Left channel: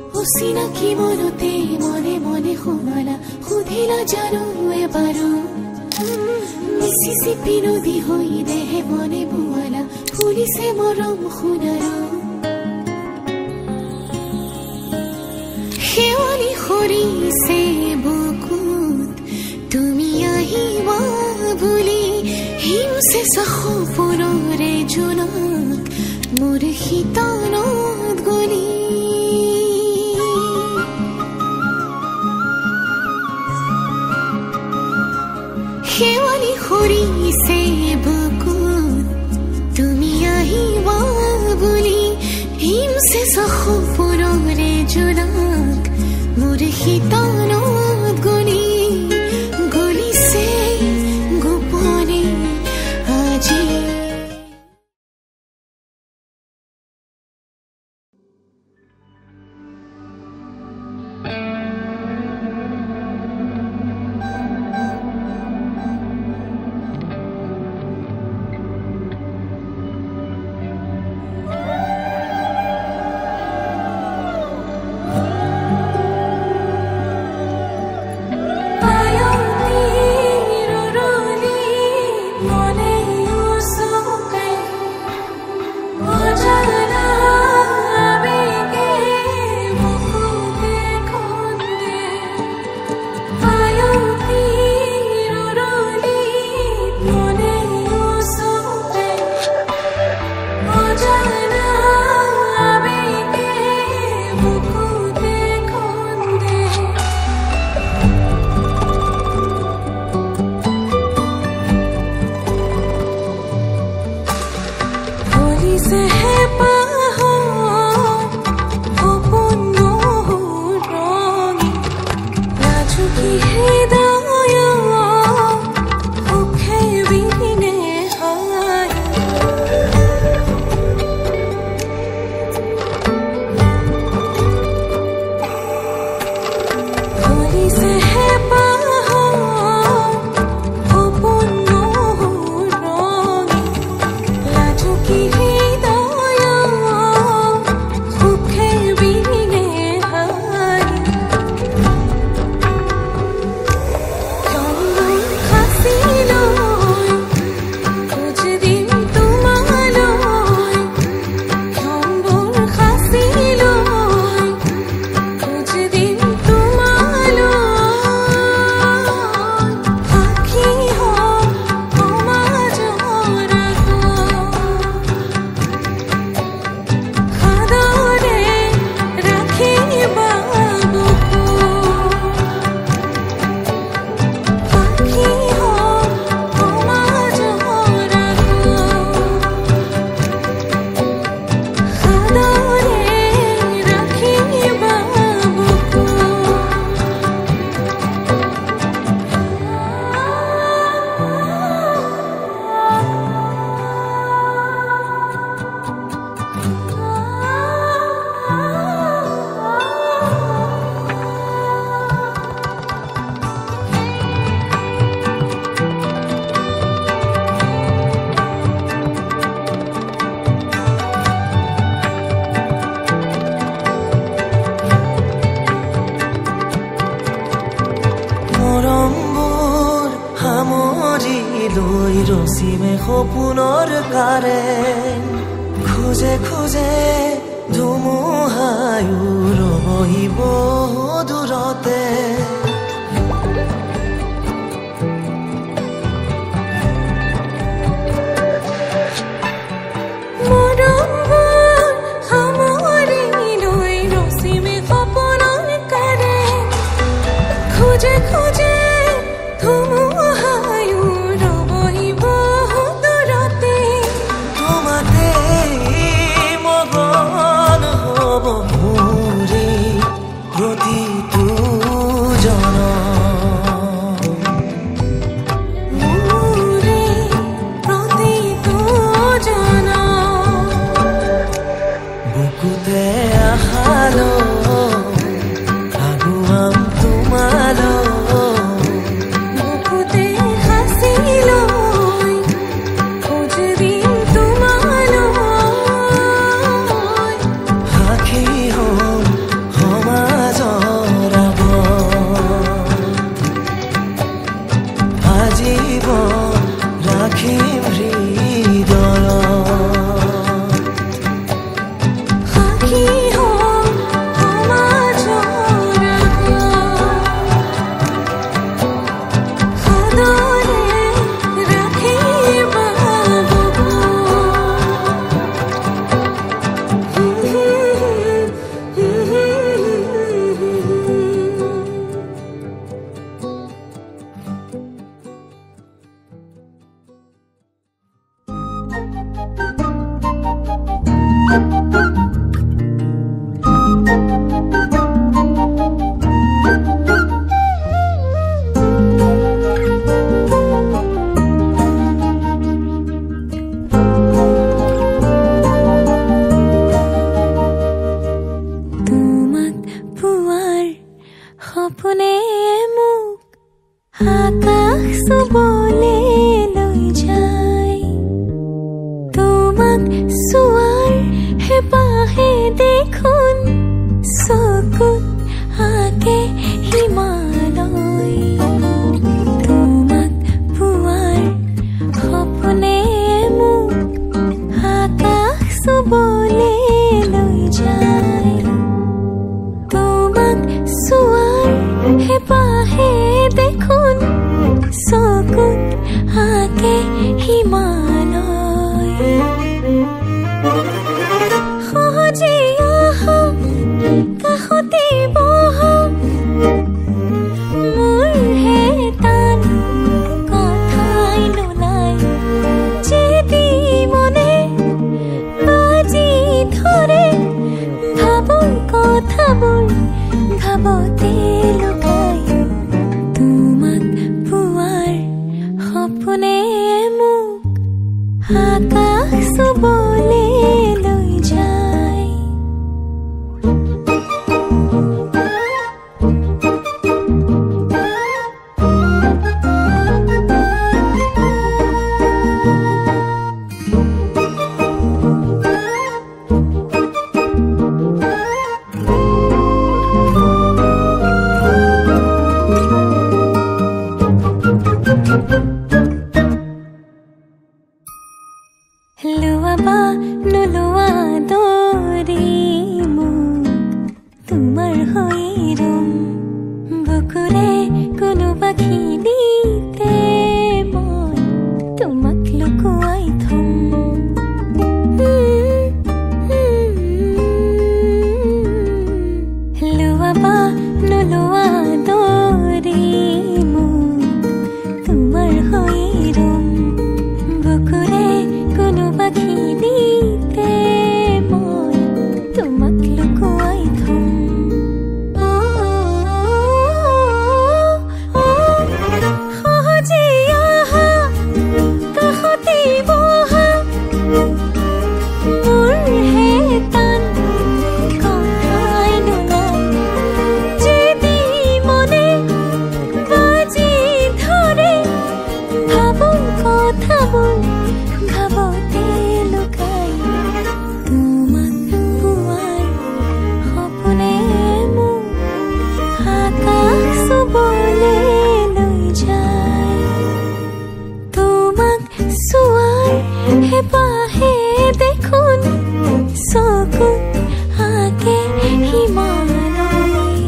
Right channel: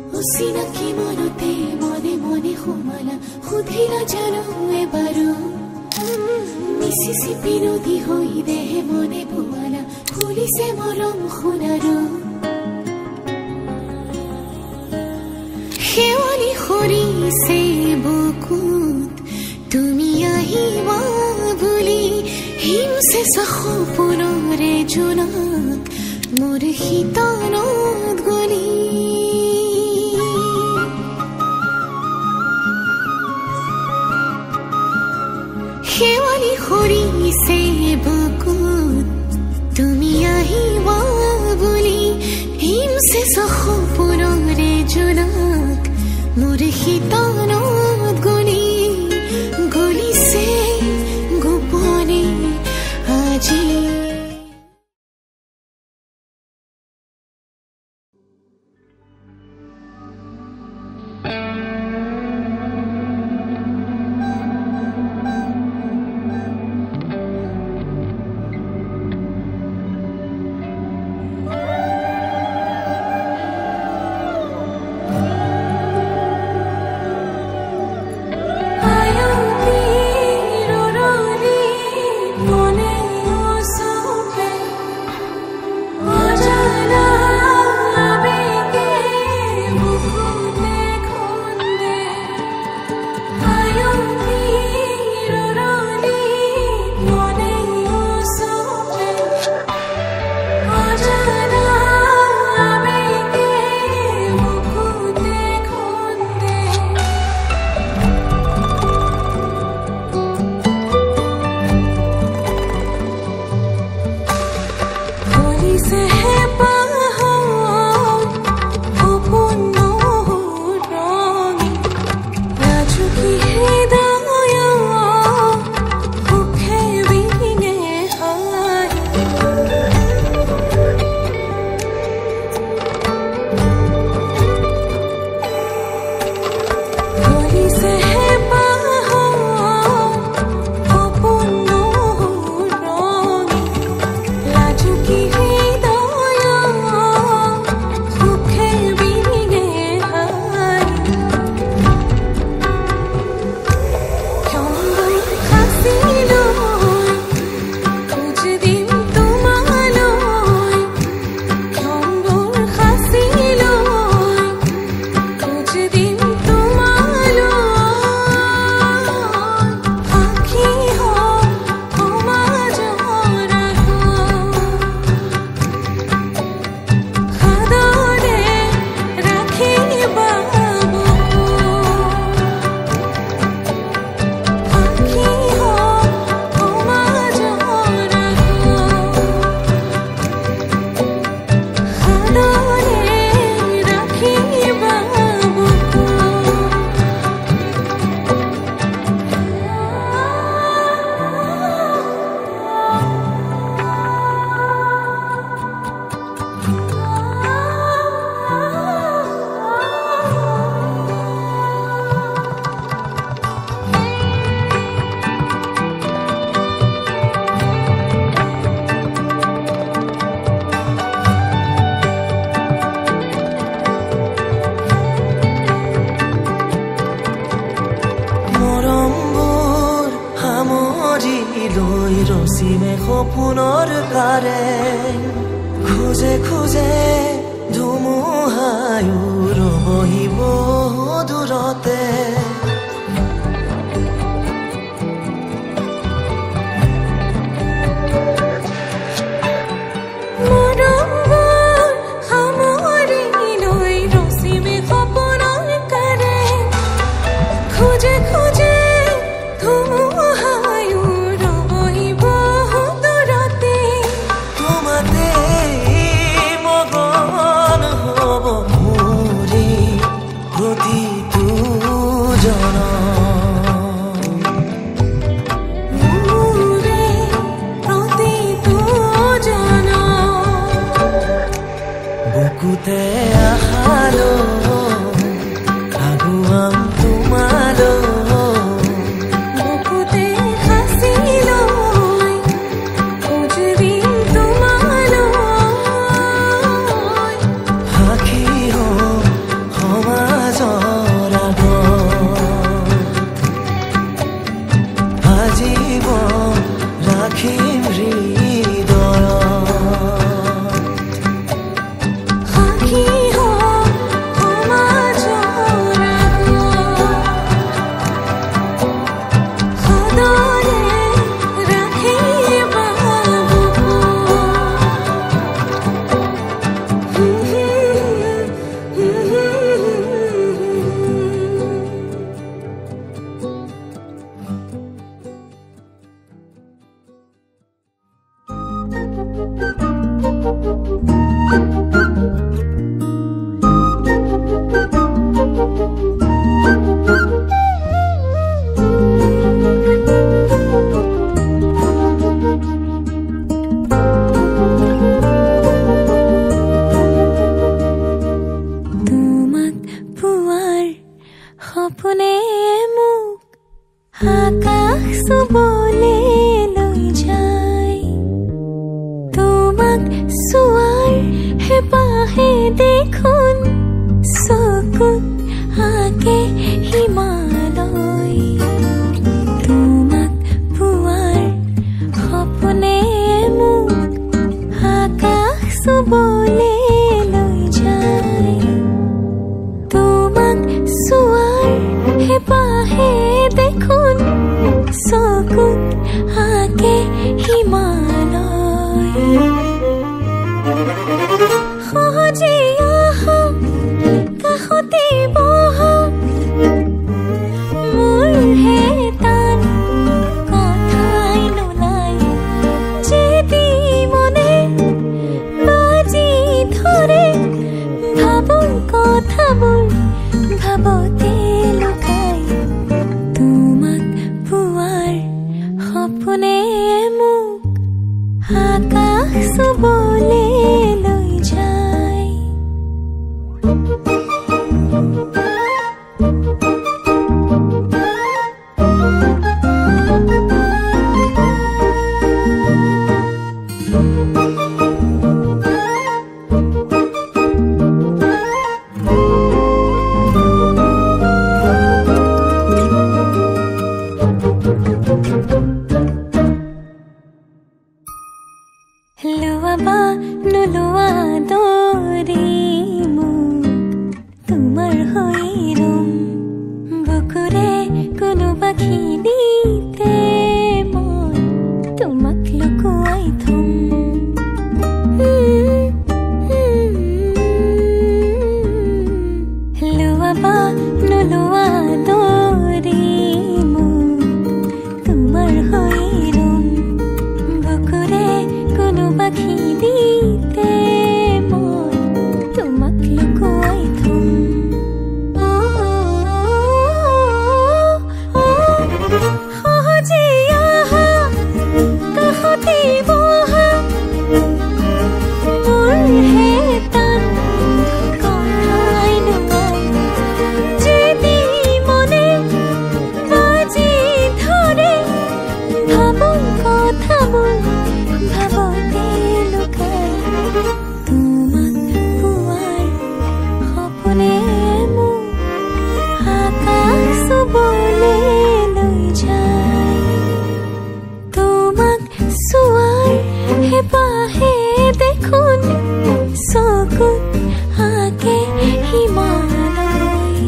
চিনাকি মনতে মনে মনে সোমালা সুধিলা জানো এবাৰো মিচিচিপি নদী হৈ দেহে মনে বোৱালা ফুলিছে মৰম সোণাৰো শেৱালি সৰিছে বুকুত তুমি আহিবা বুলি হিমছে সপোনৰে জোনাক মোৰ শীতলত গলি শেৱালি সৰিছে বুকুত তুমি আহিবা বুলি হিমছে সপোনৰে জোনাক মোৰ শীতলত গলি গলিছে গোপনে আজি মৰমবোৰ সামৰি লৈ ৰচিমে সপোনৰ কাৰেং খোজে খোজে ধুমুহায়ো ৰবহিব দূৰতে খোজে খোজে ধুমুহায়ো ৰবহিব দূৰতে তোমাতে মগন হ'ব মোৰে প্ৰতিটো জনম মোৰে প্ৰতিটো জনম বুকুতে আশালৈ আগুৱাম তোমালৈ বুকুতে হাসি লৈ খোজ দিম তোমালৈ সাক্ষী হ'ম ৰাখিম হৃদয় সাক্ষী হম সমাজৰ সদৰে ৰাখিবা বুকু সপোনে মোক আকাশ চুবলে লৈ যায় তোমাক চোৱাৰ হেঁপাহে দেখোন চকুত আঁকে হিমালয় তোমাক পোৱাৰ সপোনে মোক আকাশ চুবলে লৈ যায় তোমাক চোৱাৰ হেঁপাহে দেখোন চকুত আঁকে হিমালয় সহজে আহা কাষতে বহা মোৰ হে টান কথাই নোলাই যেদি মনে বাজি ধৰে ভাবোঁ কথাবোৰ ভাবতে লুকাই তোমাক পোৱাৰ সপোনে মোক আকাশ চুবলে লৈ যায় লোৱা বা নোলোৱা দৰে মোক তোমাৰ হৈ ৰম বুকুৰে কোনোবা খিনিতে মই তোমাক লুকুৱাই থম লোৱা বা নোলোৱা দৰে মোক তোমাৰ হৈ ৰম বুকুৰে কোনোবা খিনিতে মই তোমাক লুকুৱাই থম সহজে আহা কাষতে বহা মোৰ হে টান কথাই নোলাই যেদি মনে বাজি ধৰে ভাবোঁ কথাবোৰ ভাবতে লুকাই তোমাক পোৱাৰ সপোনে মোক আকাশ চুবলে লৈ যায় তোমাক চোৱাৰ হেঁপাহে দেখোন চকুত আঁকে হিমালয়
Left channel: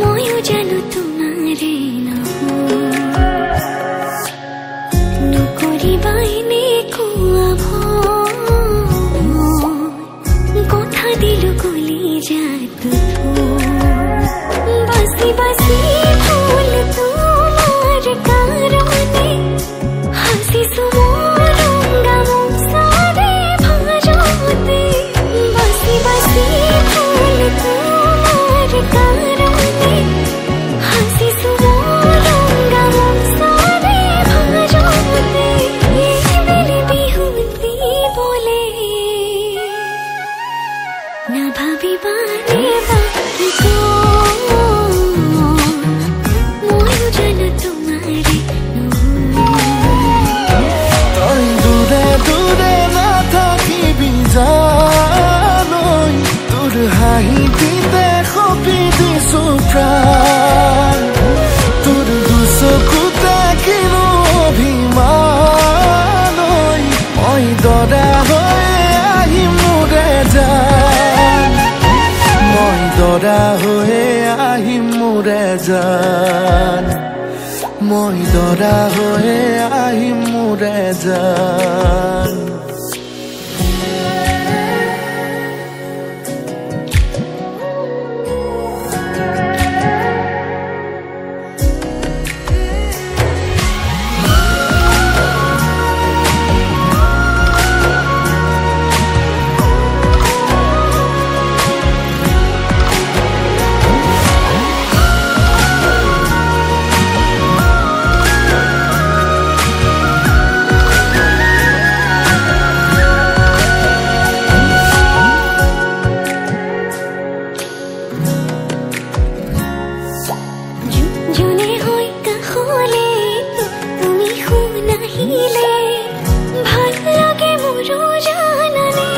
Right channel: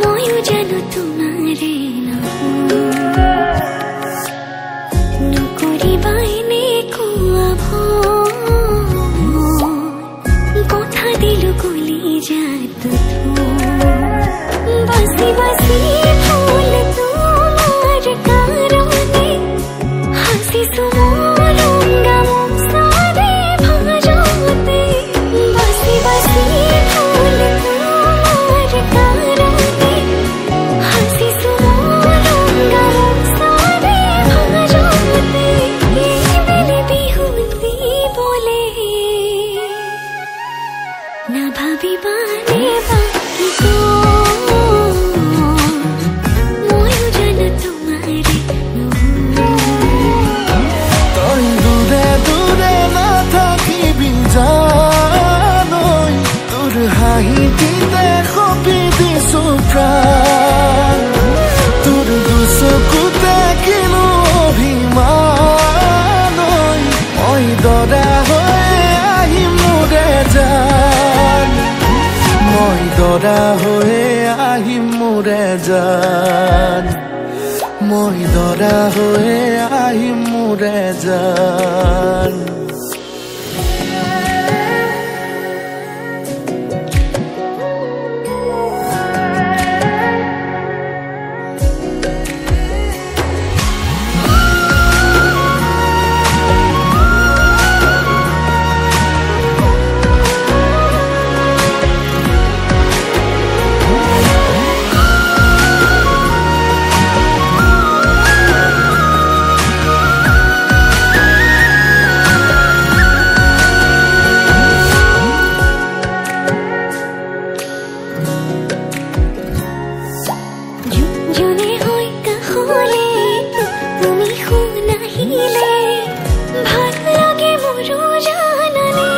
ময়ো জানো তোমাৰে নহয় दिलो कोली जात थो बसी बसी फूल तुम्हार कारणे हसी सुमोरूंगा मुसारे भाजोते बसी बसी फूल तुम्हार कारणे हसी सुमोरूंगा मुसारे भाजोते ये बेली बिहुती बोले ना भाभी बाने बाकी को मोयू जन तुम्हारे तई दूरे दूरे ना थाकी बिजानई তোর হাঁহিটিতে খপি দিছো প্রাণ তোর দুচকুতে কিনো অভিমানই মই দৰা হৈ আহিম মোৰে জান মই দৰা হৈ আহিম মোৰে জান মই দৰা হৈ আহিম মোৰে জান জুনে হয় কাহলে তুমি শুনাহিলে ভাল লাগে মোৰো জানানে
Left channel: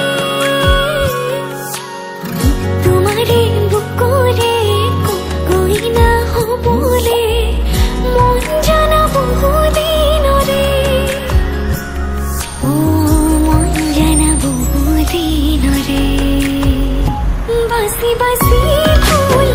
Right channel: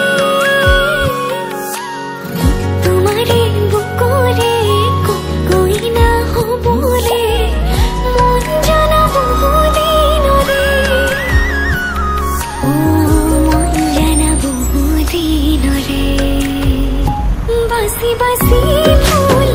তোমাৰে বুকৰে কইনা হবলে মন জানা বহুদিনৰে মন জানা বহুদিনৰে বাছি বাছি ফুল